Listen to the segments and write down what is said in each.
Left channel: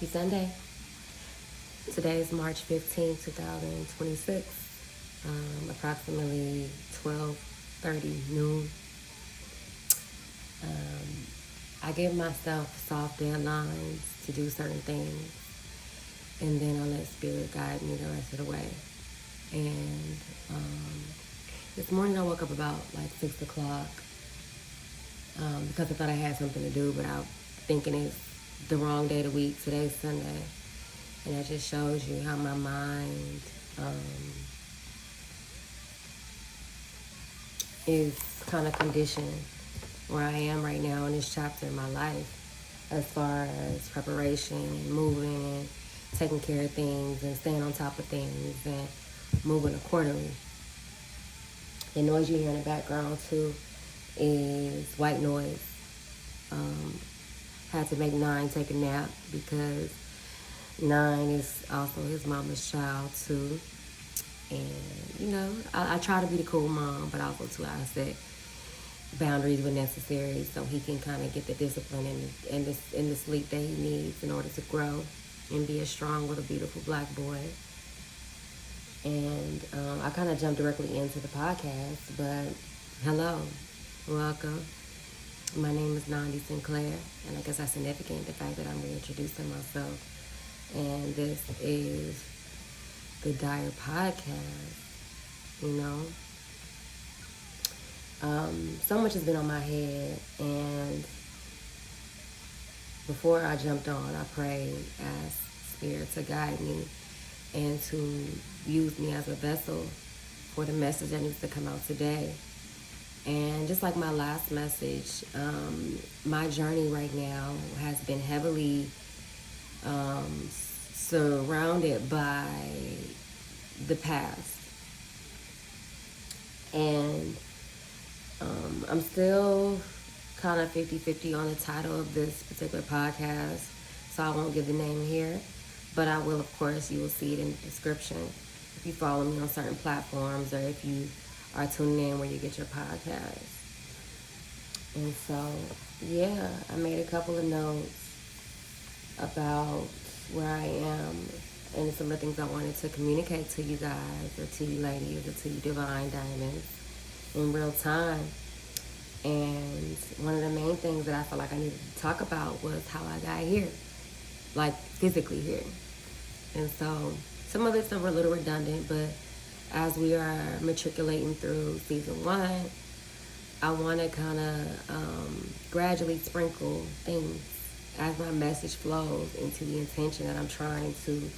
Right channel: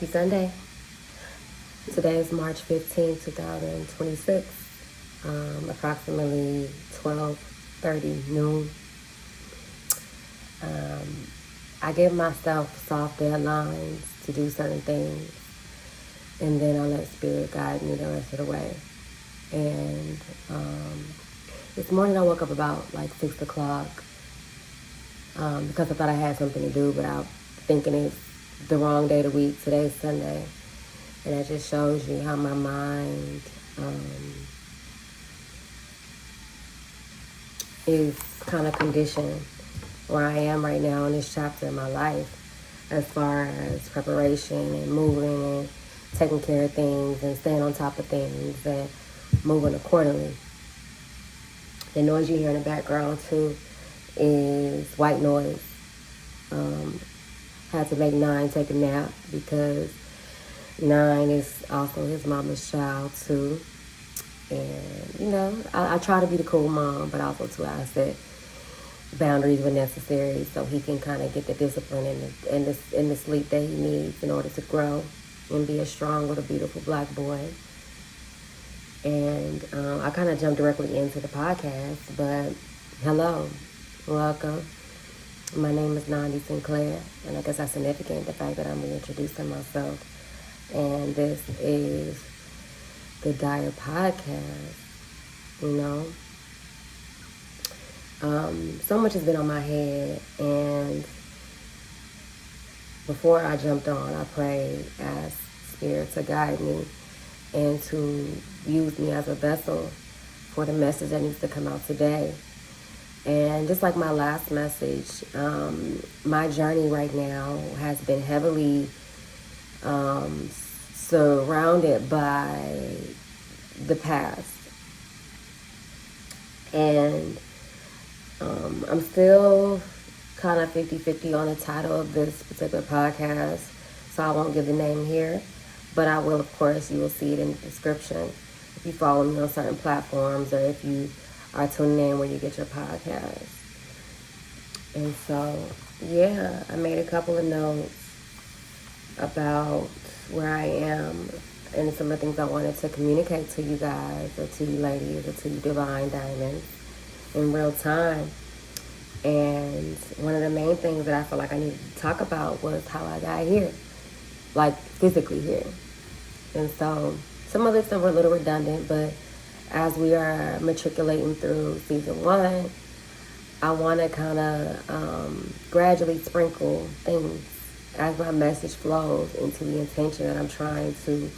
Happy Sunday. Today is March 15th, 2026, approximately 12:30 noon. I give myself soft deadlines to do certain things, and then I let Spirit guide me the rest of the way. And this morning I woke up about like 6 o'clock because I thought I had something to do, but I'm thinking it's the wrong day of the week. Today's Sunday. And that just shows you how my mind is kind of conditioned where I am right now in this chapter of my life, as far as preparation and moving and taking care of things and staying on top of things and moving accordingly. The noise you hear in the background too is white noise. Had to make 9 take a nap because 9 is also his mama's child too. And I try to be the cool mom, but also too I set boundaries when necessary so he can kind of get the discipline and the sleep that he needs in order to grow and be a strong little beautiful black boy. And I kind of jumped directly into the podcast, but hello, welcome. My name is Nandi Sinclair, and I guess that's significant, the fact that I'm reintroducing myself. And this is the Dire Podcast, So much has been on my head, and before I jumped on, I prayed, asked Spirit to guide me and to use me as a vessel for the message that needs to come out today. And just like my last message, my journey right now has been heavily surrounded by the past. And I'm still kind of 50-50 on the title of this particular podcast, so I won't give the name here. But I will, of course, you will see it in the description if you follow me on certain platforms or if you are tuning in where you get your podcast. And so, I made a couple of notes about where I am and some of the things I wanted to communicate to you guys or to you ladies or to you divine diamonds in real time. And one of the main things that I felt like I needed to talk about was how I got here, like physically here. And so some of this are a little redundant, but as we are matriculating through season 1, I want to kind of gradually sprinkle things as my message flows into the intention that I'm trying to,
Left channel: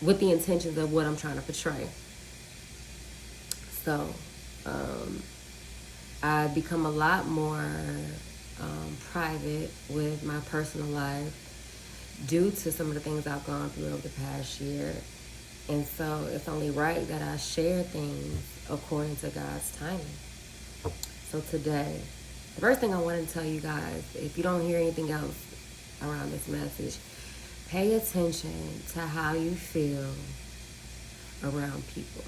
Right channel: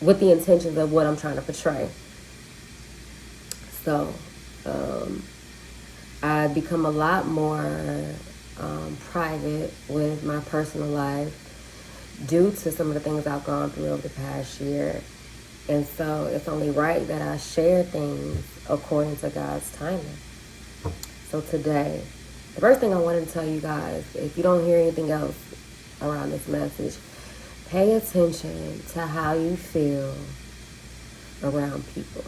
with the intentions of what I'm trying to portray. So, I've become a lot more private with my personal life due to some of the things I've gone through over the past year. And so it's only right that I share things according to God's timing. So today, the first thing I want to tell you guys, if you don't hear anything else around this message, pay attention to how you feel around people.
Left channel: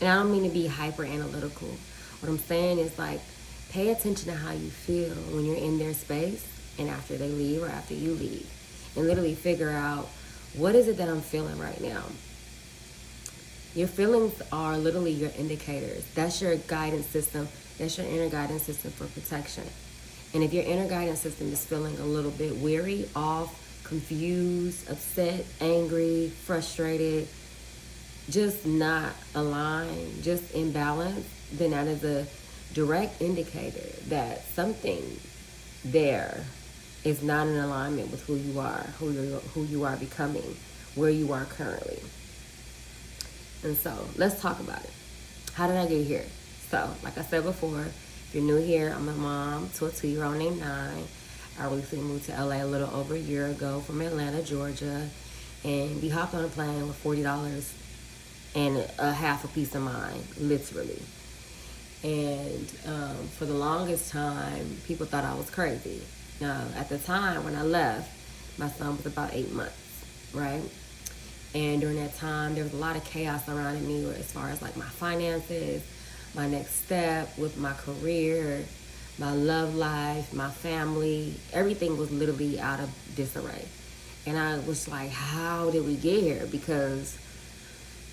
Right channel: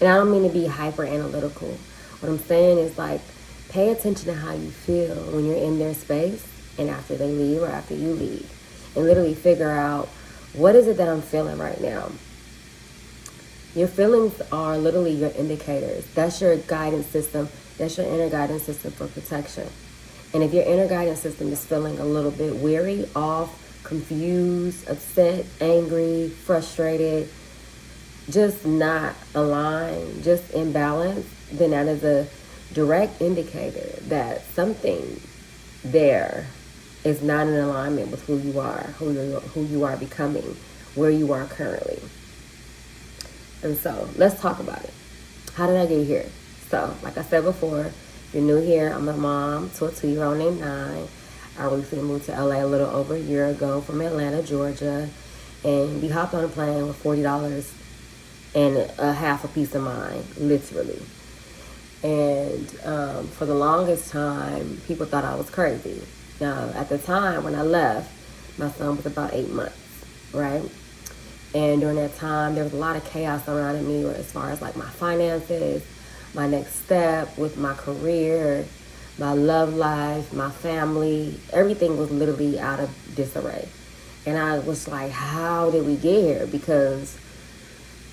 And I don't mean to be hyper analytical. What I'm saying is pay attention to how you feel when you're in their space and after they leave or after you leave. And literally figure out, what is it that I'm feeling right now? Your feelings are literally your indicators. That's your guidance system. That's your inner guidance system for protection. And if your inner guidance system is feeling a little bit weary, off, confused, upset, angry, frustrated, just not aligned, just imbalanced, then that is a direct indicator that something there is not in alignment with who you are, who you are becoming, where you are currently. And so let's talk about it. How did I get here? So, like I said before, if you're new here, I'm a mom to a 2-year-old named 9. I recently moved to LA a little over a year ago from Atlanta, Georgia. And we hopped on a plane with $40 and a half a peace of mind, literally. And for the longest time, people thought I was crazy. Now, at the time when I left, my son was about 8 months, right? And during that time, there was a lot of chaos surrounding me as far as my finances, my next step with my career, my love life, my family, everything was literally out of disarray. And I was like, how did we get here? Because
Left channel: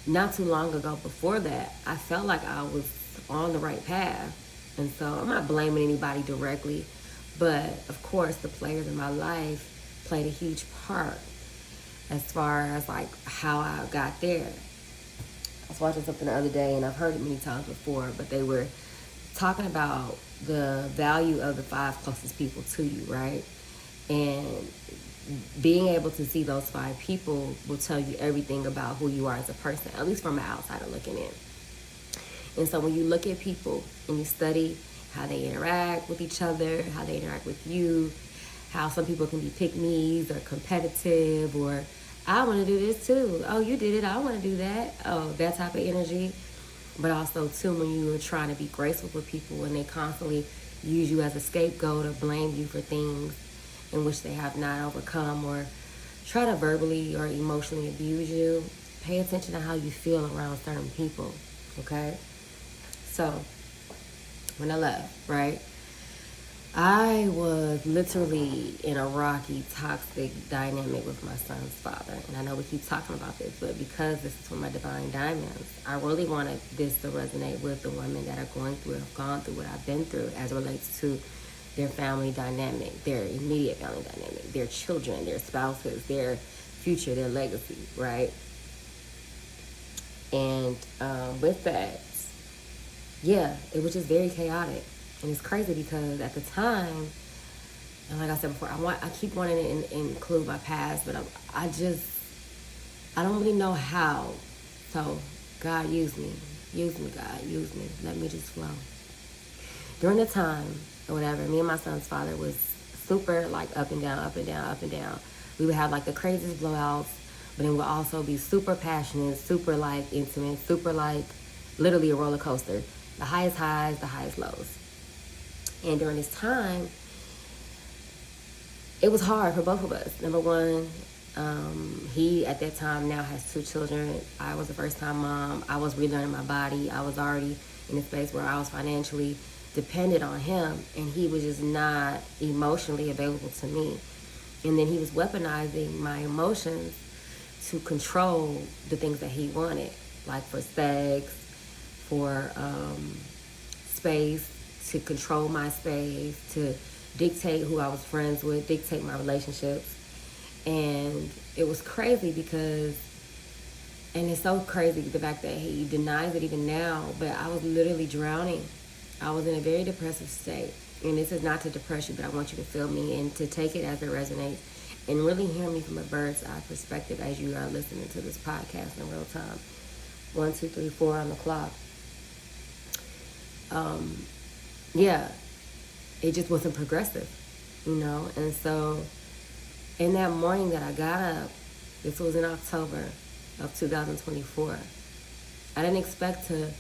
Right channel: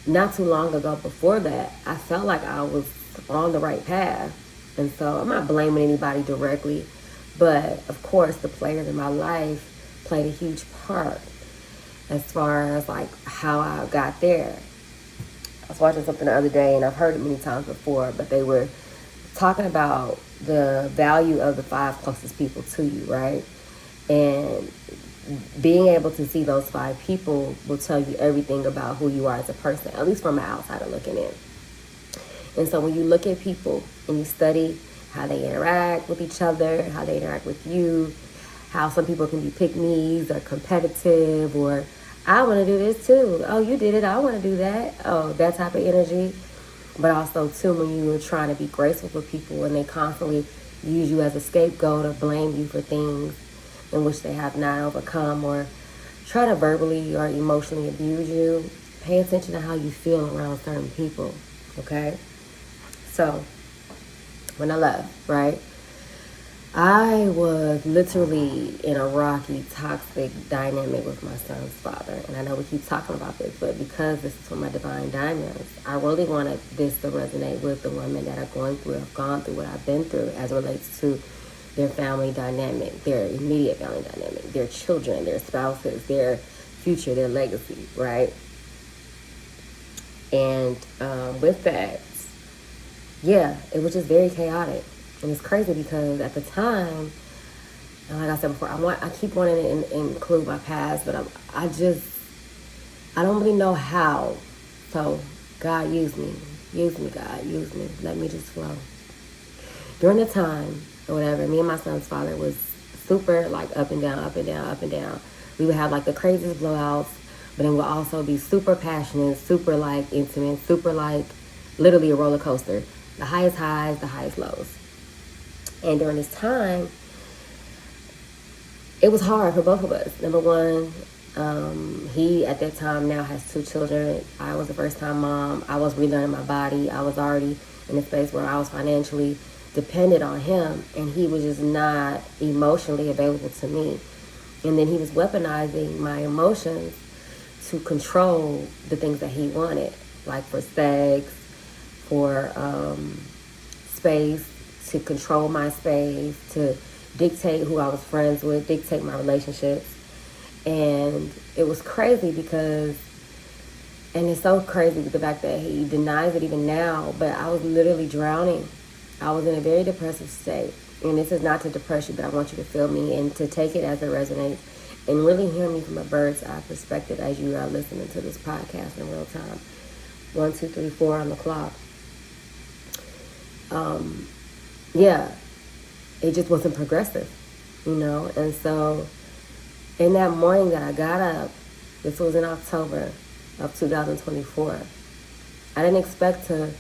not too long ago before that, I felt like I was on the right path. And so I'm not blaming anybody directly, but of course the players in my life played a huge part as far as like how I got there. I was watching something the other day, and I've heard it many times before, but they were talking about the value of the 5 closest people to you, right? And being able to see those 5 people will tell you everything about who you are as a person, at least from an outsider looking in. And so when you look at people and you study how they interact with each other, how they interact with you, how some people can be pick-me's or competitive, or I want to do this too. Oh, you did it. I want to do that. Oh, that type of energy. But also, too, when you're trying to be graceful with people and they constantly use you as a scapegoat or blame you for things in which they have not overcome, or try to verbally or emotionally abuse you, pay attention to how you feel around certain people, okay? So, when I left, right, I was literally in a rocky, toxic dynamic with my son's father. And I know we keep talking about this, but because this is for my divine diamonds, I really wanted this to resonate with the women that are going through, have gone through what I've been through as it relates to their family dynamic, their immediate family dynamic, their children, their spouses, their future, their legacy, right? And with that, yeah, it was just very chaotic. And it's crazy because at the time, like I said before, I keep wanting to include my past, but I don't really know how. So God, use me, God, use me. Let me just flow. During the time or whatever, me and my son's father was super like up and down, up and down, up and down. We would have like the craziest blowouts, but then we'd also be super passionate, super like intimate, super like literally a roller coaster. The highest highs, the highest lows. And during this time, it was hard for both of us. Number one, he at that time now has 2 children. I was a first-time mom. I was relearning my body. I was already in a space where I was financially dependent on him, and he was just not emotionally available to me. And then he was weaponizing my emotions to control the things that he wanted, like for sex, for space, to control my space, to dictate who I was friends with, dictate my relationships. And it was crazy because, and it's so crazy with the fact that he denies it even now, but I was literally drowning. I was in a very depressive state. And this is not to depress you, but I want you to feel me and to take it as it resonates and really hear me from a bird's eye perspective as you are listening to this podcast in real time. 1, 2, 3, 4 on the clock. Yeah, it just wasn't progressive, you know? And so in that morning that I got up, this was in October of 2024, I didn't expect to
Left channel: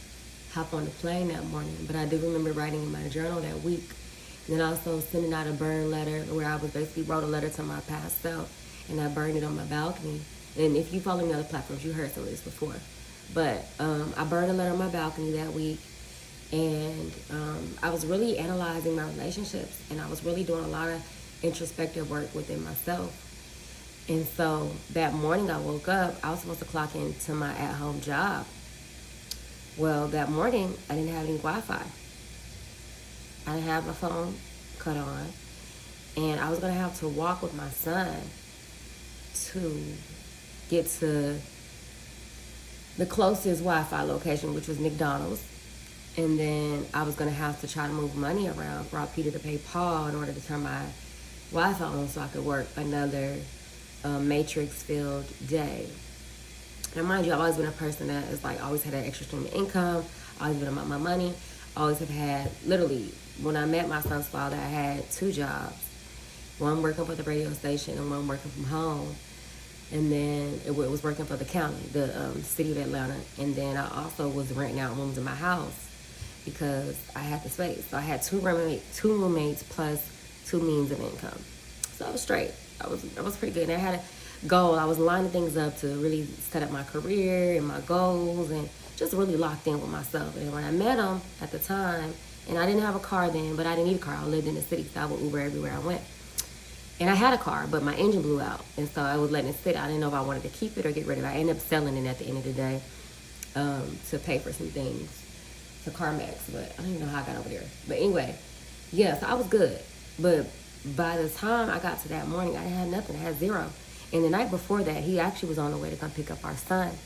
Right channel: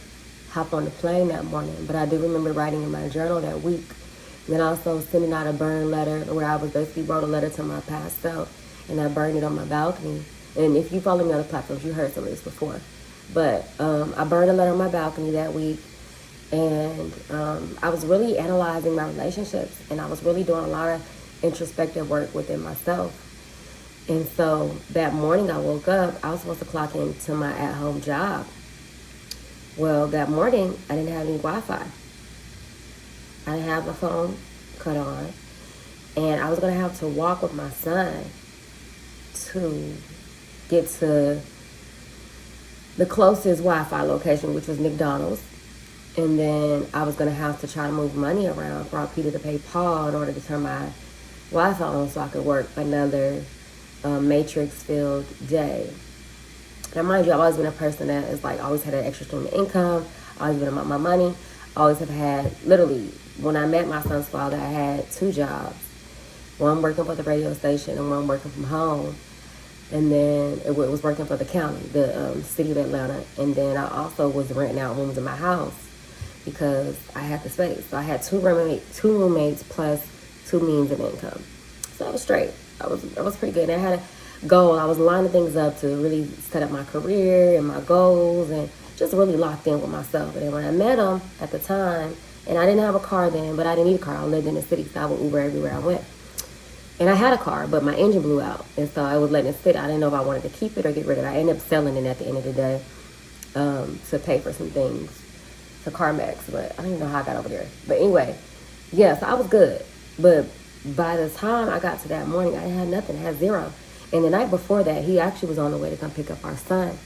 hop on the plane that morning, but I do remember writing in my journal that week, and then also sending out a burn letter where I was basically wrote a letter to my past self, and I burned it on my balcony. And if you follow me on the platforms, you heard some of this before. But I burned a letter on my balcony that week. And I was really analyzing my relationships, and I was really doing a lot of introspective work within myself. And so that morning I woke up, I was supposed to clock into my at-home job. Well, that morning I didn't have any Wi-Fi. I didn't have my phone cut on. And I was going to have to walk with my son to get to the closest Wi-Fi location, which was McDonald's. And then I was going to have to try to move money around for Peter to pay Paul in order to turn my Wi-Fi on so I could work another matrix-filled day. Now, mind you, I've always been a person that is like, always had an extra stream of income, always been about my money, always have had, literally, when I met my son's father, I had 2 jobs. One working for the radio station and one working from home. And then it was working for the county, the city of Atlanta. And then I also was renting out rooms in my house because I had the space. So I had 2 roommates plus 2 means of income. So I was straight. I was pretty good. And I had a goal. I was lining things up to really set up my career and my goals and just really locked in with myself. And when I met him at the time, And I didn't have a car then, but I didn't need a car. I lived in the city, so I would Uber everywhere I went. And I had a car, but my engine blew out. And so I was letting it sit. I didn't know if I wanted to keep it or get rid of it. I ended up selling it at the end of the day to pay for some things for CarMax. But I don't know how I got over there. But anyway, yeah, so I was good. But by the time I got to that morning, I had nothing. I had zero. And the night before that, he actually was on the way to come pick up our son.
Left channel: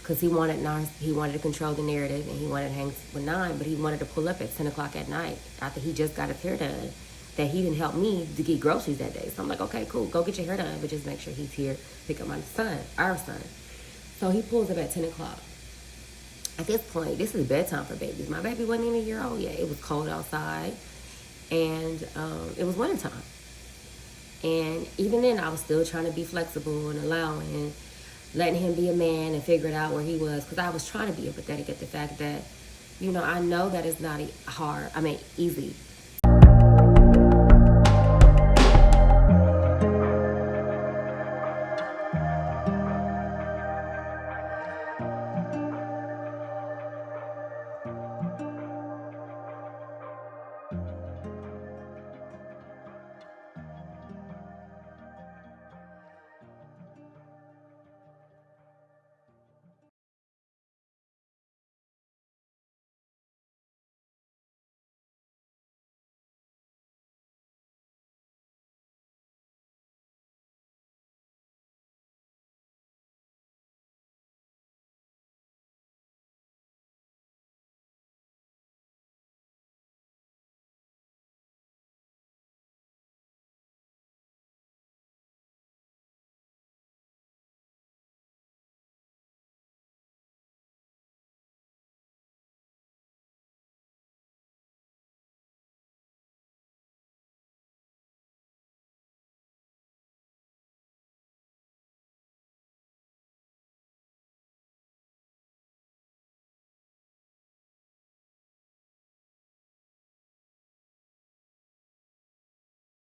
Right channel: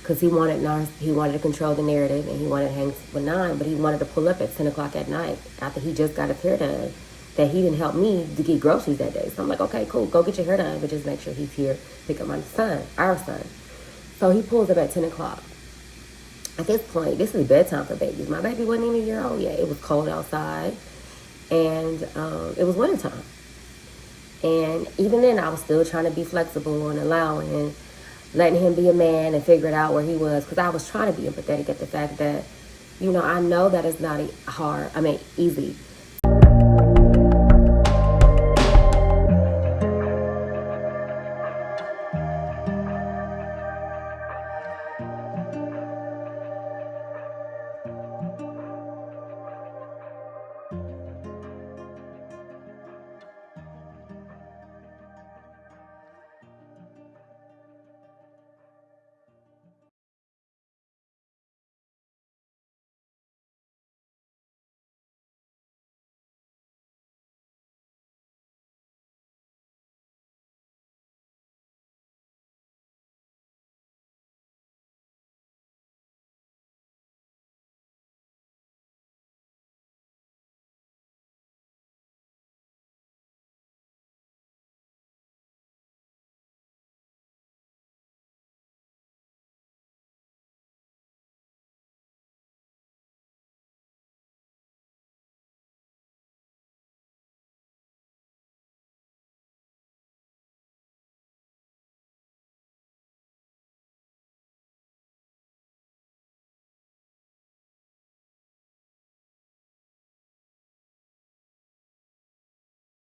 Because he wanted to control the narrative and he wanted to hang with 9, but he wanted to pull up at 10 o'clock at night after he just got his hair done. That he didn't help me to get groceries that day. So I'm like, okay, cool, go get your hair done, but just make sure he's here, pick up my son, our son. So he pulls up at 10 o'clock. At this point, this is bedtime for babies. My baby wasn't even a year old yet. It was cold outside, and it was wintertime. And even then, I was still trying to be flexible and allowing and letting him be a man and figure it out where he was, because I was trying to be empathetic at the fact that, I know that it's not easy